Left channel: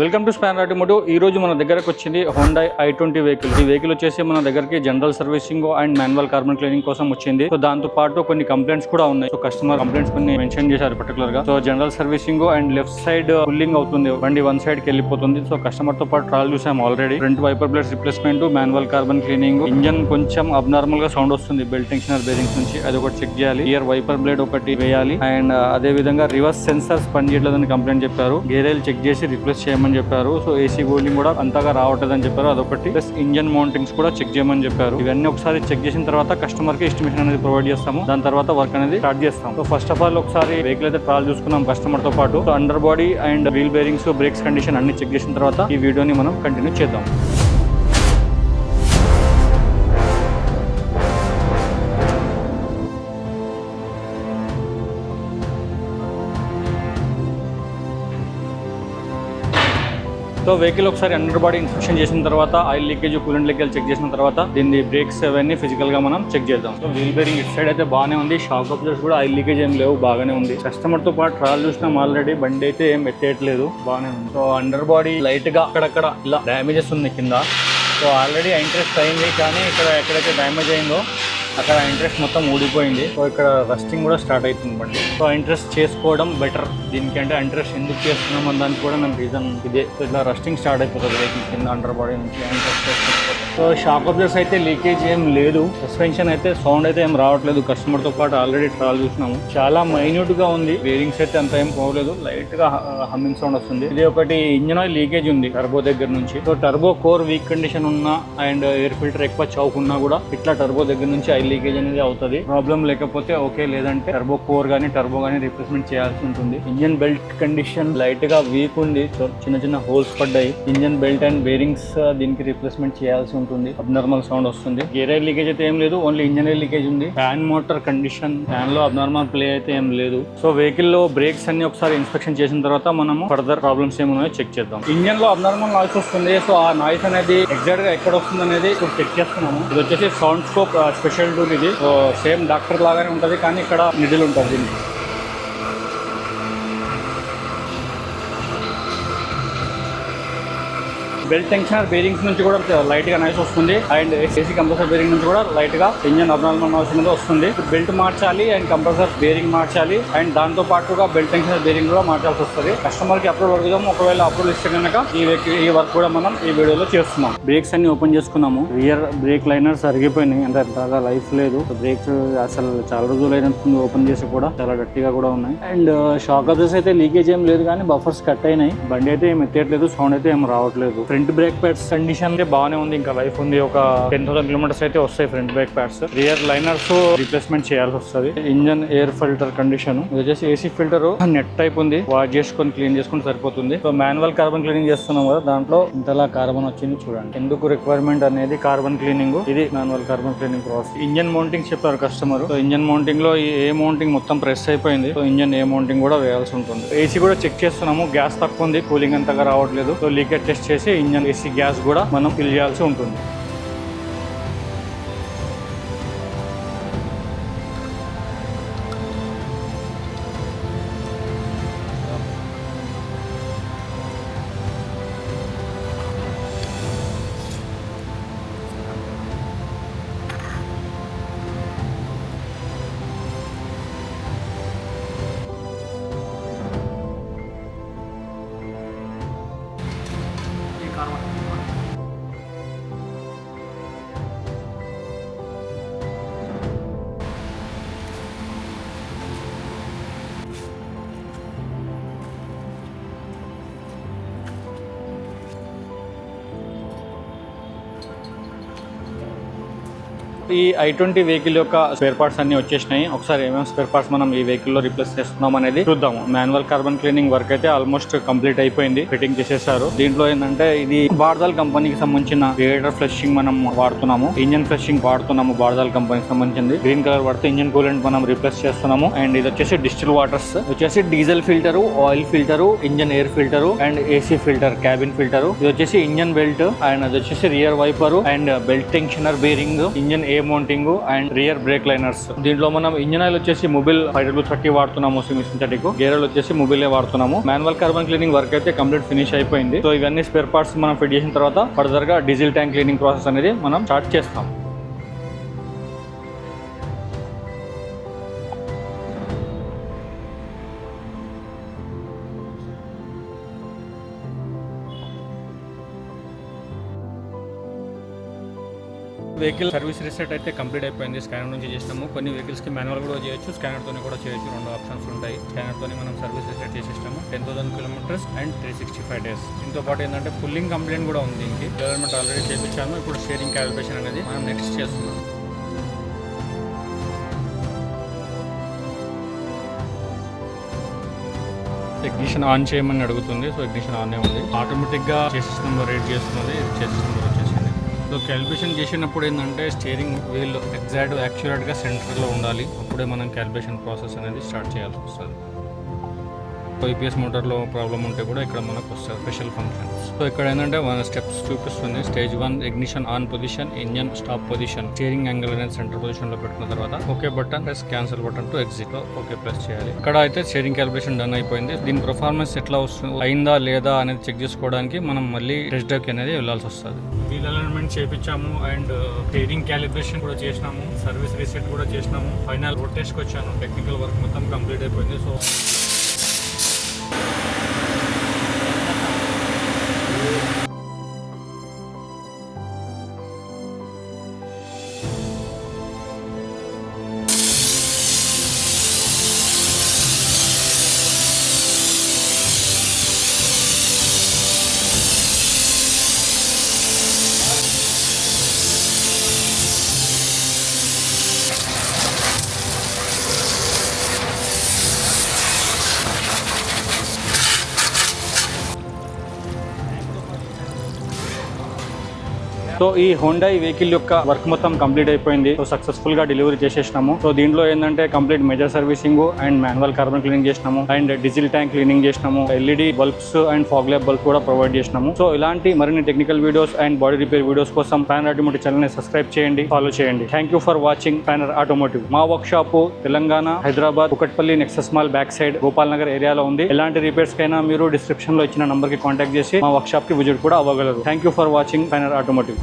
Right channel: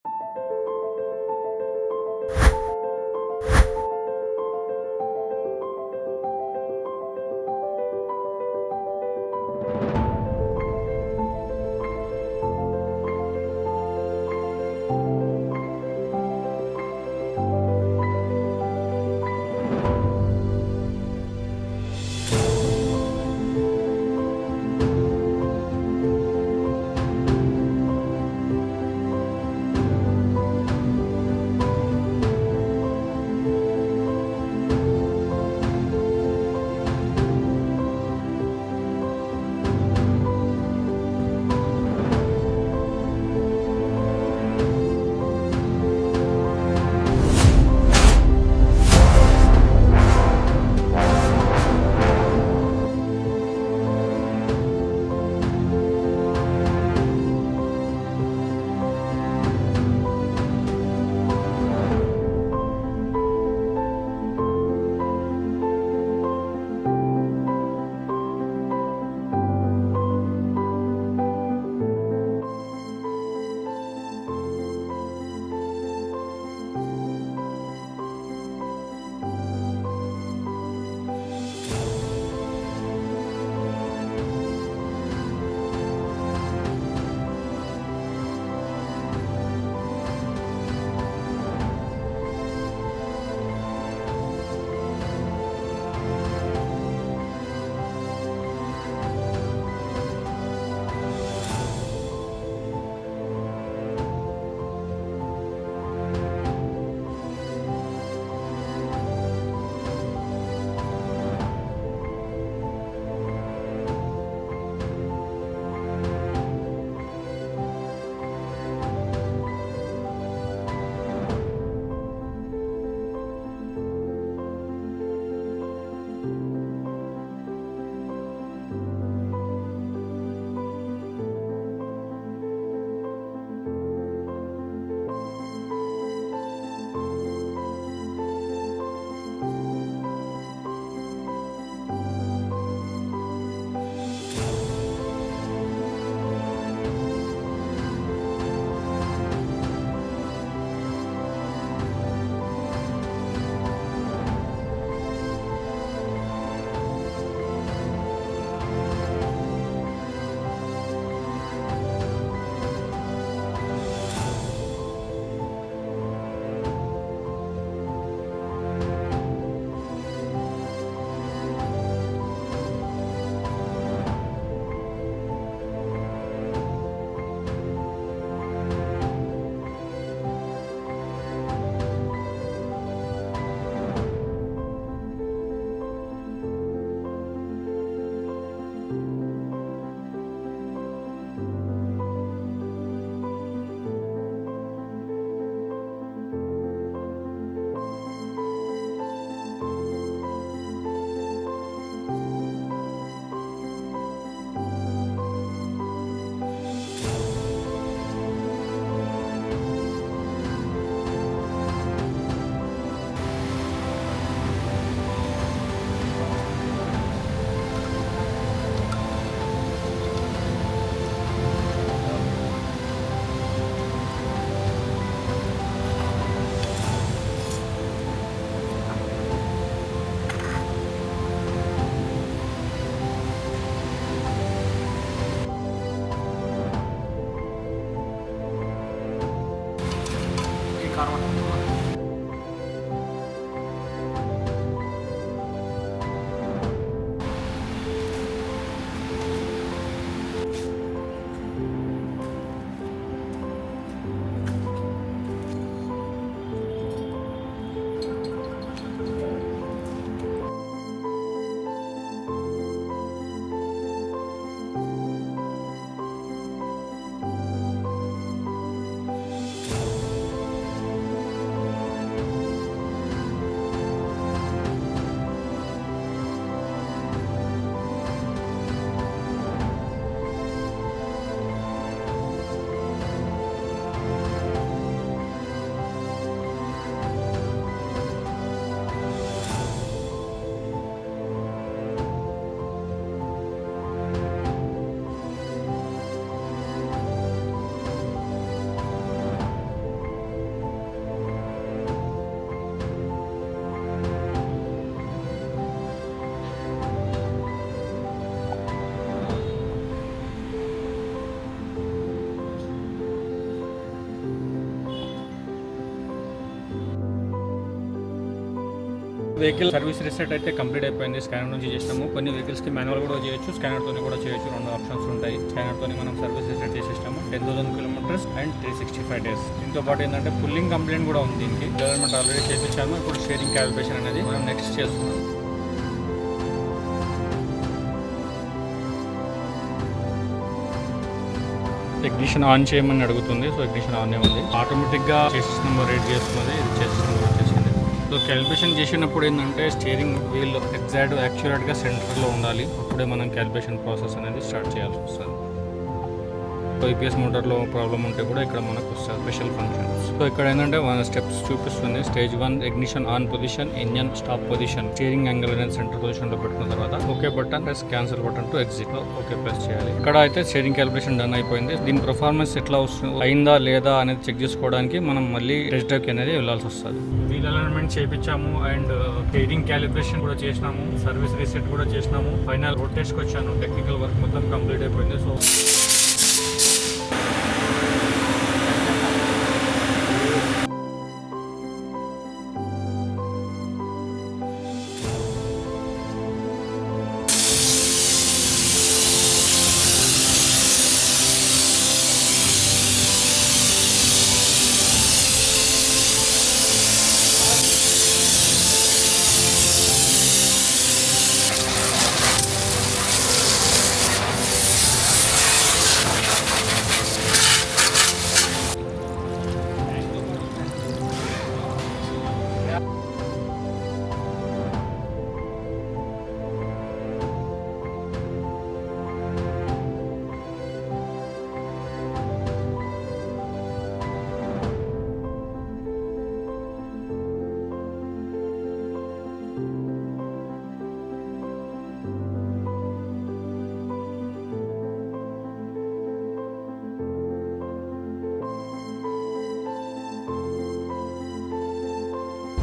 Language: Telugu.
Welcome to span automotive. ఈ రోజు మన దగ్గరకు వచ్చింది హోండాయ్ i20 వెహికల్. ఈ వెహికల్ వచ్చేసి మన దగ్గరికి general servicing and manual carbon cleaning కోసం వచ్చింది. సో దాంతో పాటు కొన్ని కంప్లైంట్స్ కూడా ఉన్నాయి. సో కస్టమర్ కంప్లైంట్స్ కొన్ని మెన్షన్ చేశారు పర్టికులర్ గా. So general servicing and left side pulling అవుతుంది, బండి వన్ సైడ్ కి వెళ్ళిపోతుంది. సో కస్టమర్ తో పాటు ట్రాల్ చూసాం already. Front wiper plates replacement, manual carbon cleaning, engine కొంచెం అబ్నార్మల్ గా సౌండ్ వస్తుంది బెల్ట్ టెన్షనర్ బేరింగ్స్ నుంచి, అది ఒకటి చెక్ చేయాలి. రియర్ వైపర్ బ్లేడ్ ఒకటి వేయాలి అండ్ అదే విధంగా రివర్స్ సెన్సార్స్ పనిచేయట్లేదని కంప్లైంట్ చెప్పారు. గేర్ చెక్ చేసి రిప్లేస్ చేయమని చెప్పారు. సో ఏసీ కూలింగ్ కూడా అంతగా రావట్లేదని చెప్పారు, అదొకటి. ప్లస్ ఇంజన్ మౌంటింగ్స్ కూడా చెక్ చేయమని చెప్పారు. ఇవన్నీ ఒకసారి చెక్ చేసిన తర్వాత కస్టమర్ కి ఎస్టిమేషన్ అనేది ప్రొవైడ్ చేస్తాము. దాని తర్వాత వర్క్ అనేది స్టార్ట్ చేస్తాం. సో ఫస్ట్ ఆఫ్ ఆల్ ఒకసారి వెహికల్ అయితే ట్రాల్ చూసుకున్నాం కస్టమర్ తో పాటు. So under body and wheel bearings, brakes condition అన్ని చెక్ చేసిన తర్వాత ఈ వీడియోని మనం కంటిన్యూ చేద్దాం. సో వెహికల్ ఒకసారి అండర్ బాడీ ఇన్స్పెక్షన్ చేసిన తర్వాత oil leakage, coolant leakage check చేసిన తర్వాత దీన్ని బ్రేక్స్ అవన్నీ ఫిజికల్ గా మనం చెక్ చేద్దాం. సో వీల్ బేరింగ్ ఇటు సైడ్ అయితే బాగానే ఉంది, షాక్ అబ్జర్వర్స్ కూడా ఆయిల్ లీకేజ్ ఏం లేవు, బాగానే ఉంది. కస్టమర్ తో పాటు ట్రాల్ చూసినాం ఆల్రెడీ, బండి అయితే ఏం ఎత్తేయట్లేదు, బాగానే ఉంది. సో అండర్ బాడీ లైట్ గా అక్కడక్కడ ఇలా డ్యామేజెస్ ఉంది కింద. సో ఆల్రెడీ ఇంట్రెస్ట్ అయింది, కానీ ఇక్కడ ఎక్కడైతే డ్యామేజ్ అయిందో అక్కడ ఇంట్రెస్ట్ మొత్తం ఊడిపోయింది. సో ఇక్కడ రస్టింగ్ కూడా స్టార్ట్ అవుతుంది బండి. సో ఇంట్రెస్ట్ చేసుకోవడం బెటర్ దీనికి. అంటే ఇంట్రెస్ట్ ఎందుకు చేస్తున్నాం అని దానికి కూడా నాకు రీజన్ ఇదే. ఇట్లా రస్టింగ్ స్టార్ట్ అయిపోతుంది కింద అండర్ బాడీ నుంచి. సో షాక్ అబ్జర్వర్స్ అయితే లీకేజ్ ఏం లేదు, సస్పెన్షన్ అయితే సౌండ్ అయితే ఏం రావట్లేదు. కస్టమర్ తో పాటు ఆల్రెడీ ట్రాల్ చూసినాము, చాలా మైన్యూట్ గా ఉంది. బేరింగ్స్ అయితే అంత ఏం పోలేదు, లైట్ గా హమ్మింగ్ సౌండ్ వస్తుంది. ఇది ఒకటి ఇంజన్ ఆయిల్ లీకేజ్ ఉంది టర్బో దగ్గర నుంచి. So turbo core week condition ఉన్నా అండ్ ఎయిర్ ఫిల్టర్ ఎక్కువ చౌకున్నా కూడా ఇట్లా టర్బో దగ్గర నుంచి ఆయిల్ లీకేజ్ అనేది అవుతుంది. ప్రాబ్లం లేకపోతే ఓకే, లేదంటే టర్బో కోర్ గానీ టర్బో గానీ రీప్లేస్మెంట్ చేయాల్సి ఉంటుంది. ఇంజన్ బెల్ట్ కండిషన్ లైట్ గా వీక్ ఉంది, చిన్న చిన్న హోల్స్ పడ్డాయి. ఇంజన్ బెల్ట్ అండ్ బేరింగ్స్ దీనికి రీప్లేస్మెంట్ చేయాల్సి ఉంటుంది. అబ్నార్మల్ సౌండ్ వస్తుంది. గేర్ ఆయిల్ లీకేజ్ అయితే ఏం లేదు, ఓన్లీ ఇంజన్ ఆయిల్ లీకేజ్ ఉంది. ఫ్యాన్ మోటార్ కండిషన్, ఫ్యాన్ లో అబ్నార్మల్ ప్లే అయితే ఏం లేదు. సో వెహికల్ లో బ్రేక్స్ అన్ని ఒకసారి ఇన్స్పెక్షన్ చేసిన తర్వాత మనము ఫర్దర్ ప్రాబ్లమ్స్ ఏమున్నాయో చెక్ చేద్దాం. ఇంజన్ లో అబ్నార్మల్ నాయిస్ వస్తుంది. సో ఆ నాయిస్ అనేది ఎగ్జాక్ట్ గా ఎక్కడ వస్తుంది అనేది ఇప్పుడు చెక్ చేస్తున్నాము. ఇది వచ్చేసి సౌండ్ స్కోప్ స్పెషల్ టూల్ ఇది. సో సేమ్ డాక్టర్ లాగానే ఉంటుంది, కానీ ఇక్కడ నిడిల్ ఉంటుంది దీనికి. బెల్ట్ టెన్షనర్ బేరింగ్స్ నుంచి కూడా లైట్ గా నాయిస్ వస్తుంది అండ్ ఏసీ కంప్రెసర్ బేరింగ్ నుంచి కూడా లైట్ గా ఇంజన్ అబ్నార్మల్ నాయిస్ అనేది వస్తుంది. బెల్ట్ మార్చాలి అండ్ కంప్రెసర్ బేరింగ్ మార్చాలి అండ్ దాంతో పాటుగా బెల్ట్ టెన్షనర్ బేరింగ్ కూడా మార్చాల్సి వస్తుంది. కస్టమర్ కి అప్రూవల్ అడుగుదాం. ఒకవేళ అప్రూవల్ ఇస్తే కనుక ఈ వర్క్ కూడా మనం ఈ వీడియోలో చేస్తున్నాం. బ్రేక్స్ అన్ని ఓపెన్ చేసుకున్నాము. రియర్ బ్రేక్ లైనర్స్ అరిగిపోయినాయి, అంటే బాగా లైఫ్ లేదు. బ్రేక్స్ అసలు చాలా రోజులు అయినట్టుంది ఓపెన్ చేసి కూడా, చాలా గట్టిగా కూడా ఉన్నాయి. అండ్ షాక్ అబ్జర్వర్స్ అయితే లీకేజ్ ఏం లేదు, కానీ బఫర్స్ కట్ అయినాయి. బండి అయితే ఏం ఎత్తేయట్లేదు, సౌండ్ అయితే ఏం రావట్లేదు. ఫ్రంట్ బ్రేక్ ప్యాడ్స్ కండిషన్ అయితే బాగానే ఉంది, ఇంకా లైఫ్ ఉంది. ఒక 10,000 కిలోమీటర్స్ అయితే వస్తాయి front brake pads. Rear liners replacement చేయాల్సి వస్తుంది. ఇంజన్ ఎయిర్ ఫిల్టర్ కండిషన్, ఇది వచ్చేసి ఏసీ ఫిల్టర్ నెట్ టైప్ ఉంది, వాష్ చేసుకొని క్లీన్ చేసుకుంటే సరిపోతుంది. సో మాన్యువల్ కార్బన్ క్లీనింగ్ చేస్తున్నాం కదా, దాంట్లో ఇంతలా కార్బన్ వచ్చింది చూడండి. ఎందుకు రిక్వైర్మెంట్ అనేది కార్బన్ క్లీనింగ్, ఇది manual carbon cleaning process. Engine mounting చెప్పారు కస్టమర్. సో ఇంజన్ మౌంటింగ్ లో ఏ మౌంటింగ్ మొత్తం ప్రెస్ అయిపోయింది. సో ఇంజన్ ఏ మౌంటింగ్ కూడా వేయాల్సి ఉంటుంది. ఏసీ కూడా చెక్ చేస్తున్నాము, గ్యాస్ తక్కువ ఉంది, కూలింగ్ అంతగా రావట్లేదు. సో లీకేజ్ టెస్ట్ చేసి ఇంజన్ ఏసీ గ్యాస్ కూడా మనం ఫిల్ చేయాల్సి ఉంటుంది. ఈ i20 వెహికల్ యొక్క స్పేర్ పార్ట్స్ అన్ని వచ్చేసినాయి. ఒకసారి ఏమేమి స్పేర్ పార్ట్స్ మనం ఈ వెహికల్ లో రిప్లేస్ చేస్తున్నాం అనేది చూద్దాము. మాన్యువల్ కార్బన్ క్లీనింగ్ వర్క్ అయితే ఆల్మోస్ట్ కంప్లీట్ అయిపోయింది, ఫిట్టింగ్ చేసేసారు. దీంట్లో ఏంటంటే ఇది బార్దాల్ కంపెనీకి సంబంధించిన రేడియేటర్ ఫ్లషింగ్ మనం వాడుతున్నాము, ఇంజన్ ఫ్లషింగ్ వాడుతున్నాము. బార్దాల్ కంపెనీకి సంబంధించింది గ్రీన్ కలర్ వాడితే ఇంజన్ కూలెంట్ మనం రిప్లేస్ చేస్తున్నాము. అండ్ ఇది వచ్చేసి డిస్టిల్ వాటర్స్, వచ్చేసి diesel filter, oil filter, engine air filter and AC filter, cabin filter. ఇది వచ్చేసి ఇంజన్ బెల్ట్ అండ్ అది వచ్చేసి rear wiper and belt tensioner bearing, engine ఏ mounting and rear brake liners. దీంట్లో మనం ఇంజిన్ ఆయిల్ వచ్చేసి మొబైల్ 530 వాడుతున్నాము, సింథటిక్. గేర్ ఆయిల్ వచ్చేసి మొబైలే వాడుతున్నాము. మాన్యువల్ కార్బన్ క్లీనింగ్ వర్క్ అయితే కంప్లీట్ ఫినిష్ అయిపోయింది. సో ఇవన్నీ స్పేర్ పార్ట్స్ మనం ఫిట్ చేసిన తర్వాత ఫర్దర్ గా డీజిల్ ట్యాంక్ క్లీనింగ్ ప్రాసెస్ అనేది మనం స్టార్ట్ చేస్తాం. వెహికల్ సర్వీస్ రీసెట్ అయితే కంప్లీట్ అయిపోయింది. స్కానర్ నుంచి చేసినాము. కొన్ని వెహికల్స్ కి మాన్యువల్ కూడా చేయొచ్చు, స్కానర్ తోని కూడా చేయొచ్చు. 2 ఆప్షన్స్ ఉంటాయి. స్కానర్ తోని మనం సర్వీస్ రీసెట్ చేసేస్తాము. 10,000 కిలోమీటర్స్ అండ్ 365 డేస్. దీంతో పాటు ఏంటంటే పుల్లింగ్ కంప్లైంట్ కూడా ఉంది. దీనికి డెవలప్మెంట్ ఆల్రెడీ చేయించాము. ఇప్పుడు షేరింగ్ క్యాలిబ్రేషన్ అనేది మనం నెక్స్ట్ చేస్తున్నాం. ఇగ్నిషన్ ఆన్ చేయమని అడుగుతుంది. సో ఇగ్నిషన్ ఆన్ ఉంది. ఆటోమేటిక్ గా చేసిస్ నెంబర్ రీడ్ చేస్తున్నది. ఇది చేసిస్ నెంబర్ వచ్చేసింది. సో క్యాలిబ్రేషన్ చేసినప్పుడు ఏంటంటే స్టీరింగ్ వీల్ యాక్యురేట్గా సెంటర్లో ఉండాలి. అప్పుడే మనం క్యాలిబ్రేషన్ ప్రాసెస్ అనేది స్టార్ట్ చేయాల్సి వస్తుంది. ఐపీఎస్ మోటార్లో ప్రాబ్లం ఉంటే కూడా ఇక్కడ మనకు వస్తుంది స్పెషల్ ఫంక్షన్. సో ఇక్కడ ఏంటంటే 1 స్టెప్స్ చూపిస్తుంది. Stage 1 ignition on position, engine stop position, steering angle అనేది సెంటర్ పొజిషన్ లో పెట్టుకున్న తర్వాత okay button plus cancel button to exit లో ఓకే ప్రెస్ చేయాలి. ఇక్కడ అయితే స్టీరింగ్ క్యాలిబ్రేషన్ డన్ అయిపోయింది. దీని పర్ఫార్మెన్స్ ఎట్లా వస్తుంది, అయిందా లేదా అనేది చెక్ చేసుకోవడానికి మనం మళ్ళీ టెస్ట్ డ్రైవ్ అనేది వెళ్ళాల్సి వస్తుంది. వీల్ అలైన్మెంట్ చేయించాము అండ్ స్టీరింగ్ క్యాలిబ్రేషన్ కూడా చేసినాము, సర్వీస్ రీసెట్ కూడా చేసినాము. ఫైనల్ రోడ్ టెస్ట్ కి వచ్చాను. టెక్నికల్ వర్క్ మొత్తం కంప్లీట్ అయిపోయింది. సో సో ఈ హోండా వెహికల్ యొక్క వర్క్ మొత్తం కంప్లీట్ అయిపోయింది. సో సక్సెస్ఫుల్ గా డెలివరీ చేసేసినాము. సో దీంట్లో ఏంటంటే complete major servicing and manual carbon cleaning చేసినాము అండ్ డీజిల్ ట్యాంక్ క్లీనింగ్ చేసినాము. LED bulbs and fog lap bulb కూడా ప్రొవైడ్ చేసినాము. సో ఇలాంటి మరిన్ని technical videos and body repair videos కోసం ప్యానర్ ఆటోమోటివ్ ఛానల్ ని సబ్స్క్రైబ్ చేయండి, ఫాలో చేయండి. Thank you for watching Panner automotive. మా workshop Telangana, Hyderabad, Kukatpally Nexus mall back side Gopal Nagar ఏరియాలో ఉంది. ఎలాంటి రిపేర్స్ కైనా మీరు డిస్క్రిప్షన్ లో ఇచ్చిన నంబర్ కి కాంటాక్ట్ చేసి మా వర్క్ షాప్ కి విజిట్ కూడా అవ్వగలరు. Thank you for watching Panner automotive.